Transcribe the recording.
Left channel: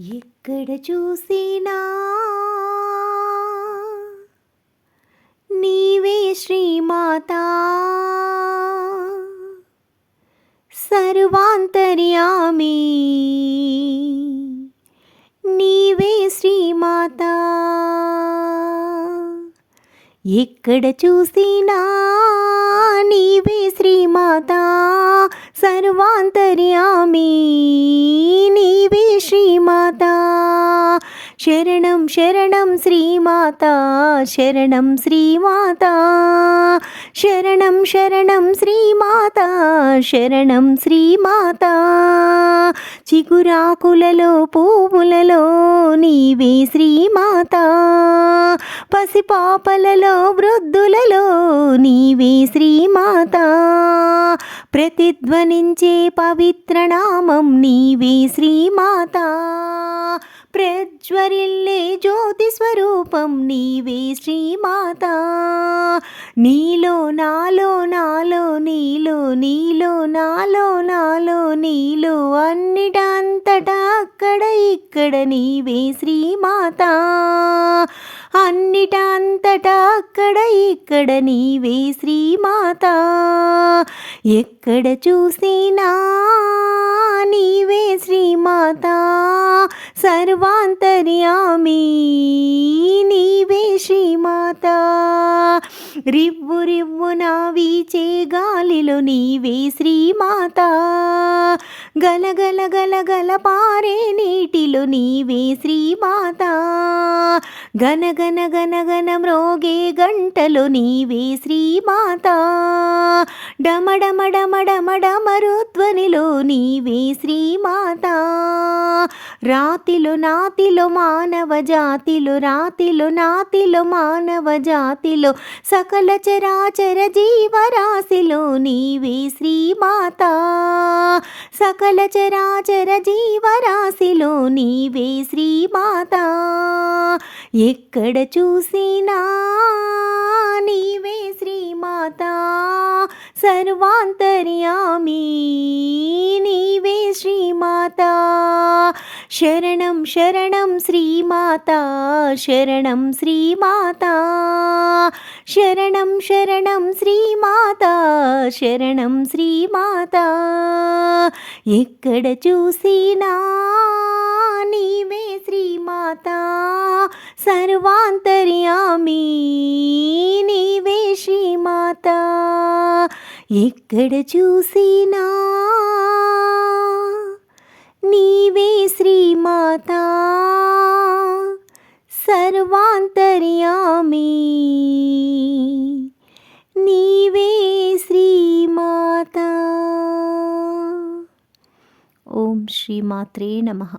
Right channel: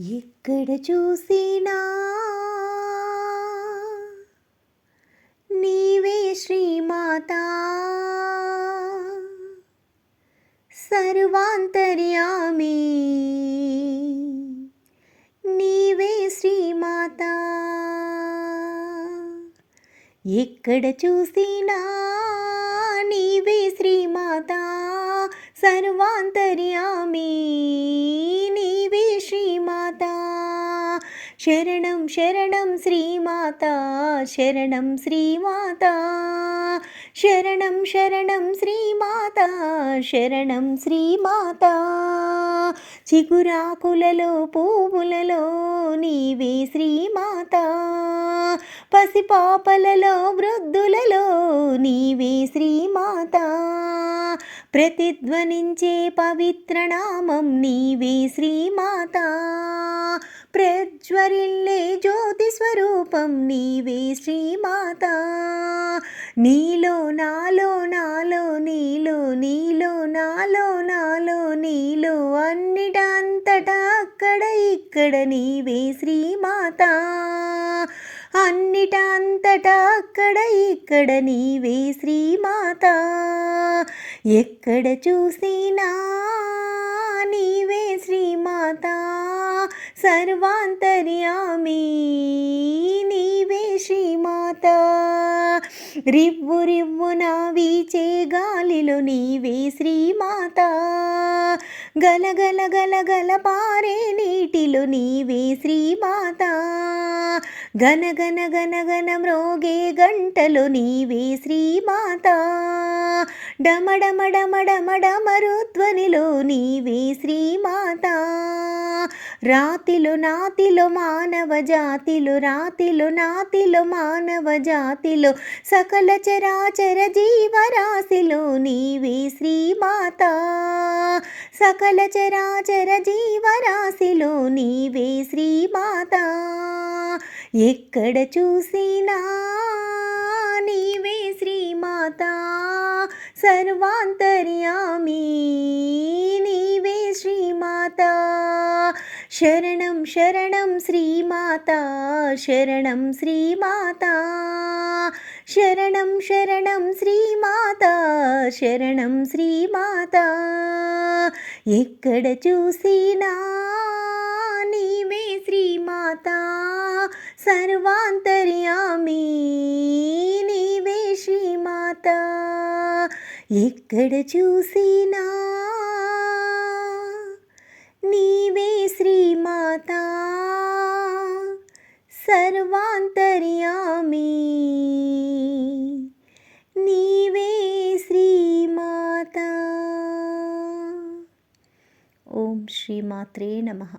ఎక్కడ చూసినా నీవే శ్రీమాతా సర్వాంతర్యామి నీవే శ్రీమాతా ఎక్కడ చూసినా నీవే శ్రీమాతా సర్వాంతర్యామి నీవే శ్రీమాతా శరణం శరణం శ్రీమాతా శరణం శ్రీమాతా శరణం శరణం శ్రీమాతా శరణం శ్రీమాతా చిగురాకులలో పువ్వులలో నీవే శ్రీమాతా పసిపాపలలో వృద్ధులలో నీవే శ్రీమాతా ప్రతిధ్వనించే పవిత్ర నామం నీవే శ్రీమాతా ప్రజ్వరిల్లే జ్యోతి స్వరూపం నీవే శ్రీమాతా నీలో నాలో నాలో నీలో నీలో నాలో నాలో నీలో అన్నిటంతటా అక్కడ ఇక్కడ నీవే శ్రీమాతా అన్నిటంతటా అక్కడ ఇక్కడ నీవే శ్రీమాతా ఎక్కడ చూసినా నీవే శ్రీమాతా సర్వాంతర్యామి నీవే శ్రీమాతా రివ్వు రివ్వున వీచే గాలిలో నీవే శ్రీమాతా గలగల గలగల పారే నీటిలో నీవే శ్రీమాతా గన గన గన గన మ్రోగే గంటలో నీవే శ్రీమాతా డమడమ డమడమ డమరుధ్వనిలో నీవే శ్రీమాతా రాతిలో నాతిలో మానవ జాతిలో రాతిలో నాతిలో మానవ జాతిలో సకల చరాచర జీవరాశిలో నీవే శ్రీమాతా సకల చరాచర జీవరాశిలో నీవే శ్రీమాతా ఎక్కడ చూసినా నీవే శ్రీమాతా సర్వాంతర్యామి నీవే శ్రీమాతా శరణం శరణం శ్రీమాతా శరణం శ్రీమాతా శరణం శరణం శ్రీమాతా శరణం శ్రీమాతా ఎక్కడ చూసినా నీవే శ్రీమాతా సర్వాంతర్యామి నీవే శ్రీమాతా ఎక్కడ చూసినా నీవే శ్రీమాతా సర్వాంతర్యామి నీవే శ్రీమాతా ఓం శ్రీమాత్రే నమః.